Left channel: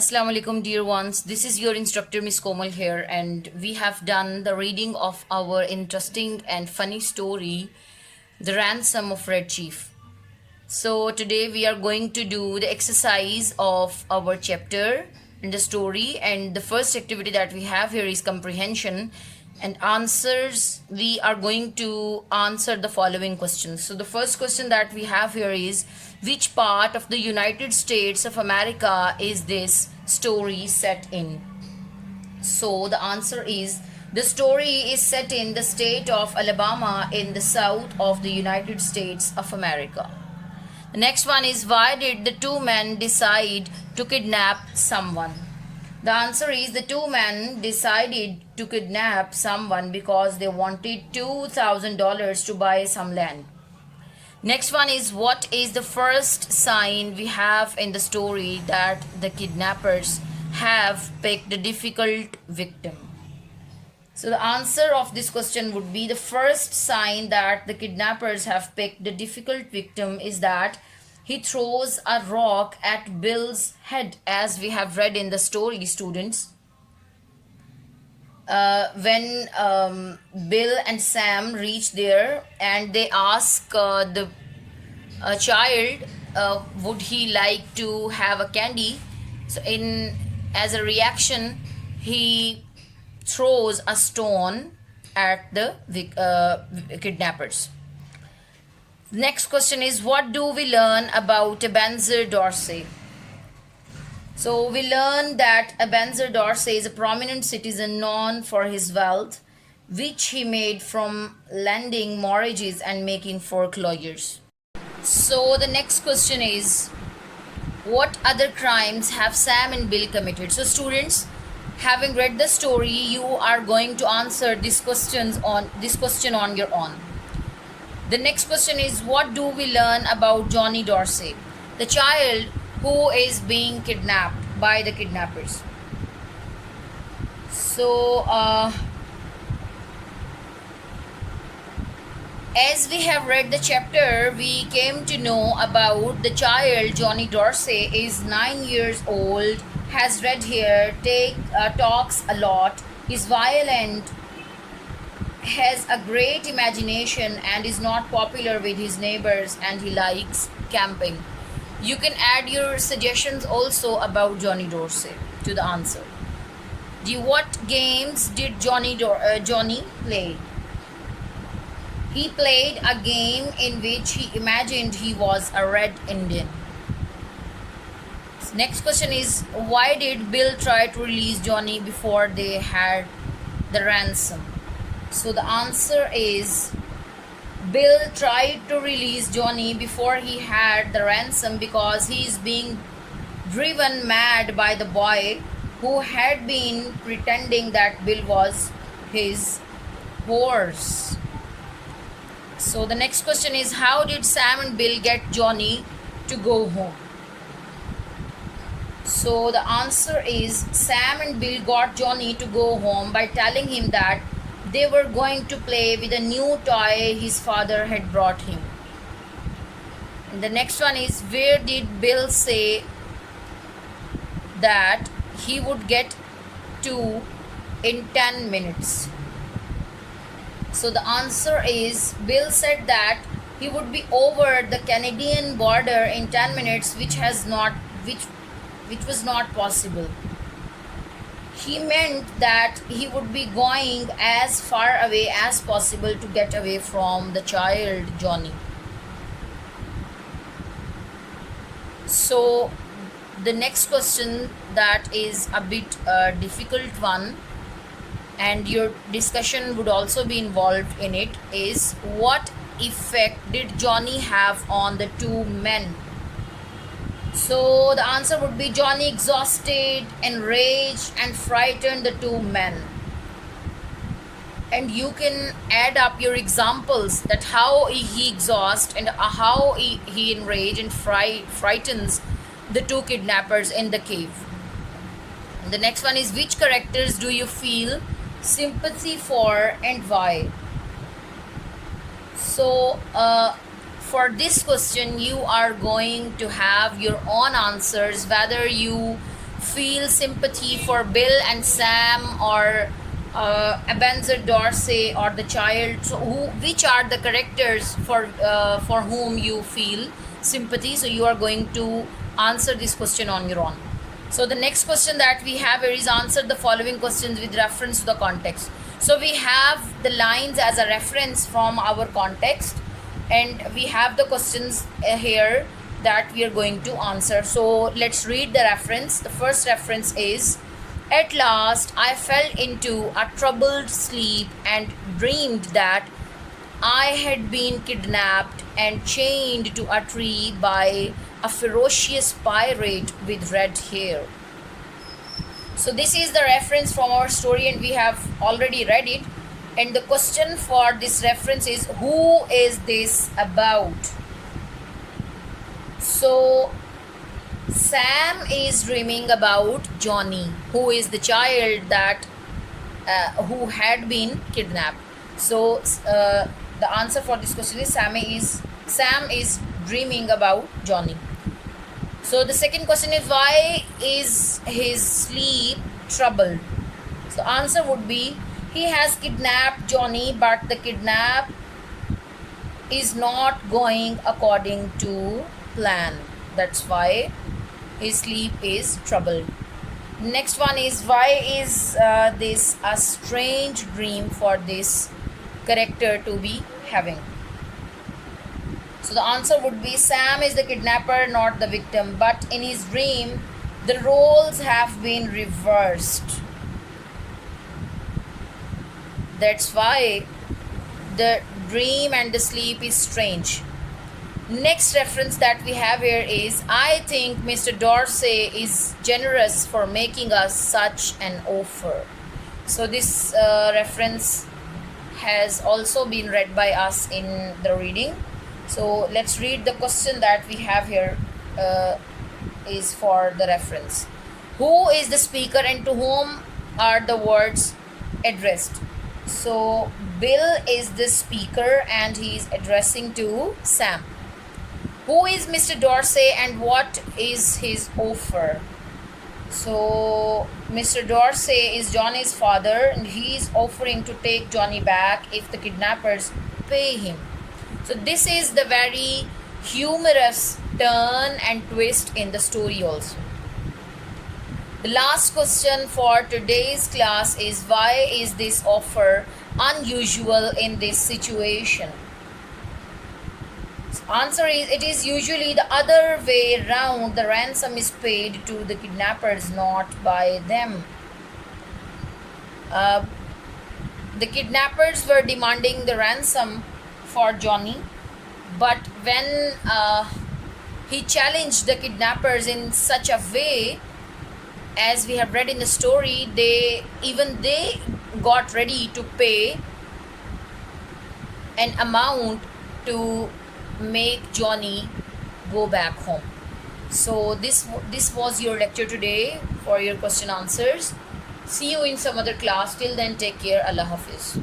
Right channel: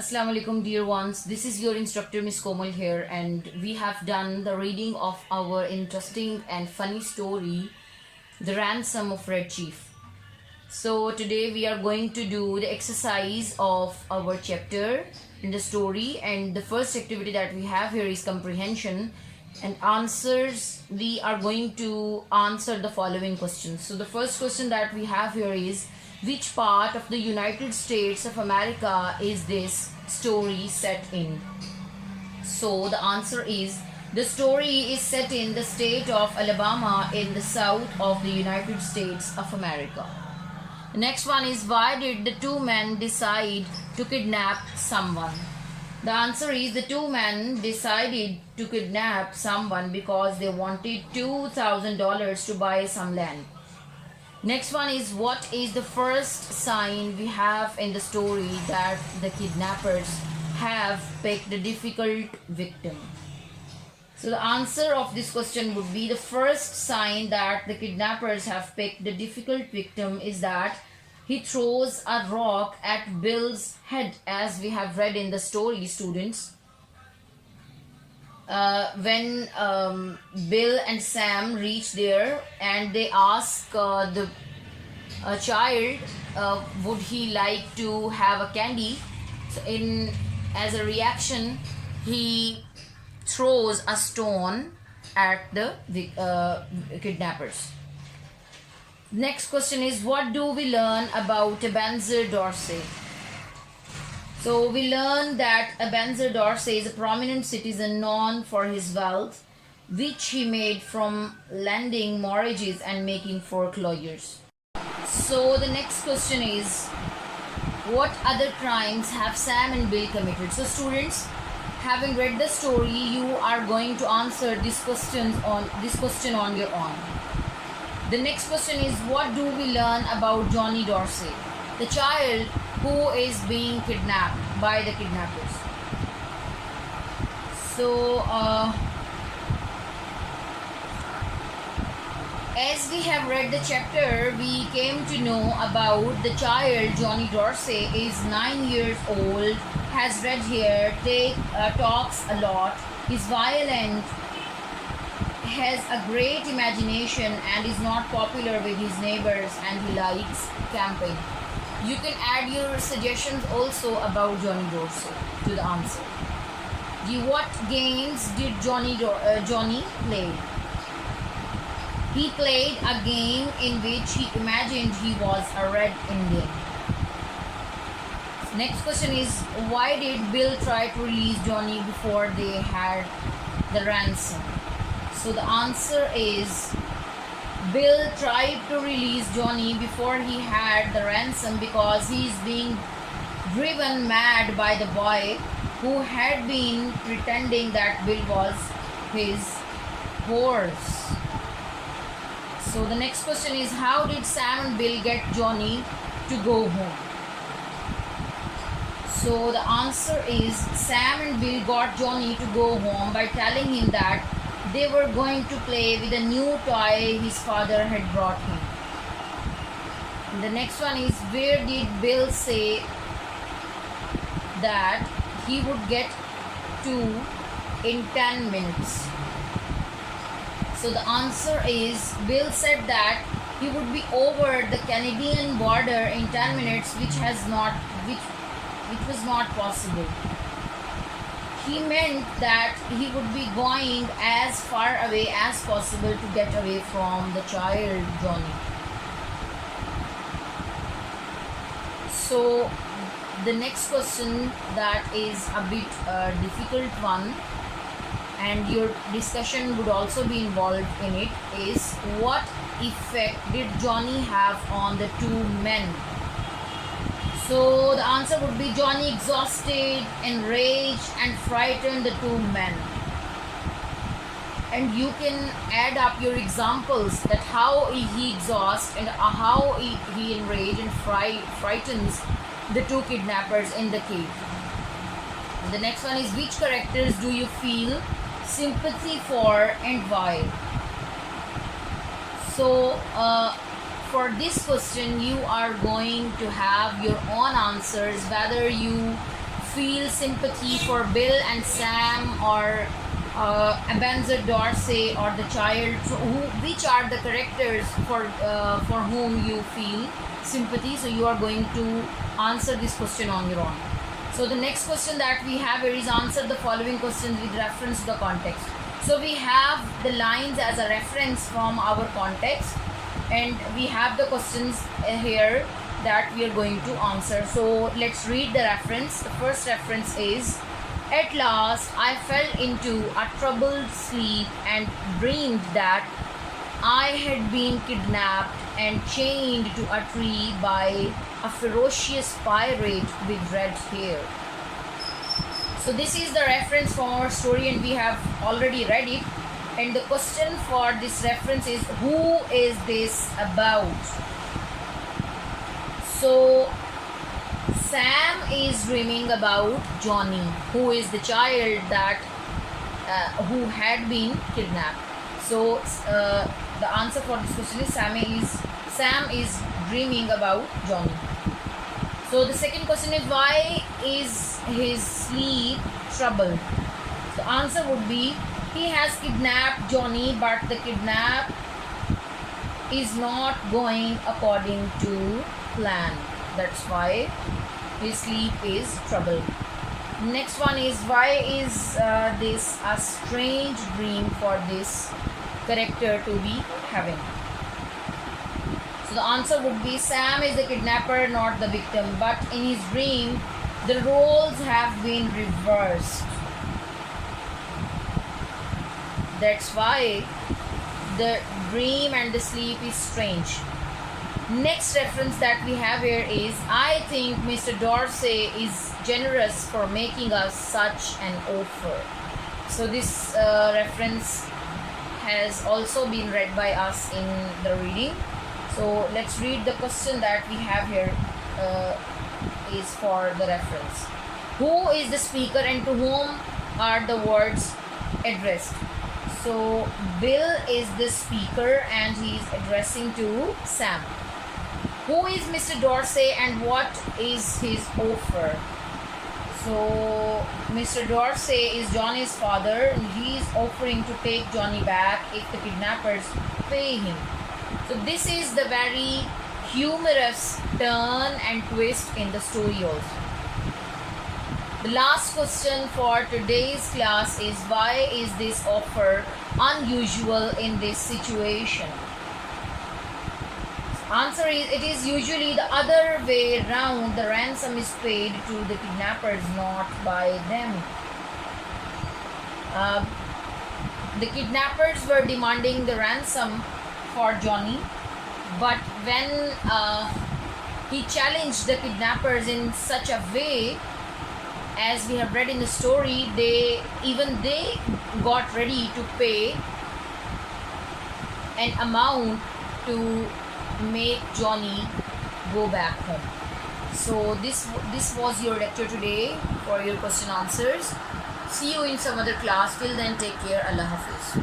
Assalamu alaikum, dear ones. This is your instructor, Miss Komal here, and we have done the reading of our interesting and funny story, The Ransom of Red Chief. So, today we are going to do the exercise of our chapter in the story, and the first activity that we have here is comprehension and answers. We are going to answer the following questions. So, the first question that we have here is, which part of the United States of America is this story set in? So the answer is, the story is set in the state of Alabama in the south of the United States of America. The next one is, why did the two men decide to kidnap someone? The answer is, the two men decided to kidnap someone because they wanted $2,000 to buy some land. Next one is, what is the first sign we have in the story that the kidnappers have picked a difficult victim? So the answer of this question would be, the first sign that the kidnappers have picked a difficult victim is that he throws a rock at Bill's head, as we have read in the story, students. When Bill and Sam reach there and they ask the child, would he like to have a candy? So as a reaction, he throws a stone at the kidnappers. Next question is, what do we learn about Ebenezer Dorsey? So we learn that Ebenezer Dorsey is a prominent citizen known for his wealth, which he made from lending mortgages and making foreclosures. So the next question is, what other crimes have Sam and Bill committed? So students, having read the story, you are going to answer this question on your own. The next question is, what do we learn about Johnny Dorsey, the child who is being kidnapped by the kidnappers? So as we have read the chapter, we came to know about the child. Johnny Dorsey is 9 years old, has red hair, talks a lot, is violent, has a great imagination, and is not popular with his neighbors, and he likes camping. You can add your suggestions also about Johnny Dorsey to the answer. What games did Johnny play? He played a game in which he imagined he was a Red Indian. Next question is, why did Bill try to release Johnny before they had the ransom? So the answer is, Bill tried to release Johnny before he had the ransom because he is being driven mad by the boy who had been pretending that Bill was his horse. So the next question is, how did Sam and Bill get Johnny to go home? So the answer is, Sam and Bill got Johnny to go home by telling him that they were going to play with a new toy his father had brought him. And the next one is, where did Bill say that he would get to in 10 minutes? So the answer is, Bill said that he would be over the Canadian border in 10 minutes, which was not possible. He meant that he would be going as far away as possible to get away from the child Johnny. So the next question, that is a bit difficult one, and your discussion would also be involved in it, is, what effect did Johnny have on the two men? So the answer would be, Johnny exhausted, enraged, and frightened the two men. And you can add up your examples, that how he exhausts and how he enraged and frightens the two kidnappers in the cave. The next one is, which characters do you feel sympathy for and why? So for this question, you are going to have your own answers, whether you feel sympathy for Bill and Sam, or Ebenezer Dorsey, or the child? So which are the characters for whom you feel sympathy? So you are going to answer this question on your own. So the next question that we have here is answer the following questions with reference to the context. So we have the lines as a reference from our context, and we have the questions here that we are going to answer. So let's read the reference. The first reference is, at last I fell into a troubled sleep and dreamed that I had been kidnapped and chained to a tree by a ferocious pirate with red hair. So this is the reference for our story, and we have already read it. And the question for this reference is, who is this about? So Sam is dreaming about Johnny, who is the child that who had been kidnapped. So the answer for this question is Sam is dreaming about Johnny. So the second question is, why is his sleep troubled? So answer would be, he has kidnapped Johnny, but the kidnap is not going according to plan. That's why his sleep is troubled. Next one is, why is this a strange dream for this character to be having? So the answer would be, Sam is the kidnapper, not the victim, but in his dream the roles have been reversed. That's why the dream and the sleep is strange. Next reference that we have here is, I think Mr. Dorsey is generous for making us such an offer. So this reference has also been read by us in the reading. So let's read the question that we have here is for the reference. Who is the speaker and to whom are the words addressed? So Bill is the speaker and he is addressing to Sam. Who is Mr. Dorsey and what is his offer? So Mr. Dorsey is Johnny's father and he is offering to take Johnny back if the kidnappers pay him. So this is the very humorous turn and twist in the story also. The last question for today's class is, why is this offer unusual in this situation? So answer is, it is usually the other way around. The ransom is paid to the kidnappers, not by them. The kidnappers were demanding the ransom for Johnny, but when he challenged the kidnappers in such a way, as we have read in the story, they got ready to pay an amount to make Johnny go back home. So this was your lecture today for your question answers. See you in some other class. Till then, take care. Allah Hafiz.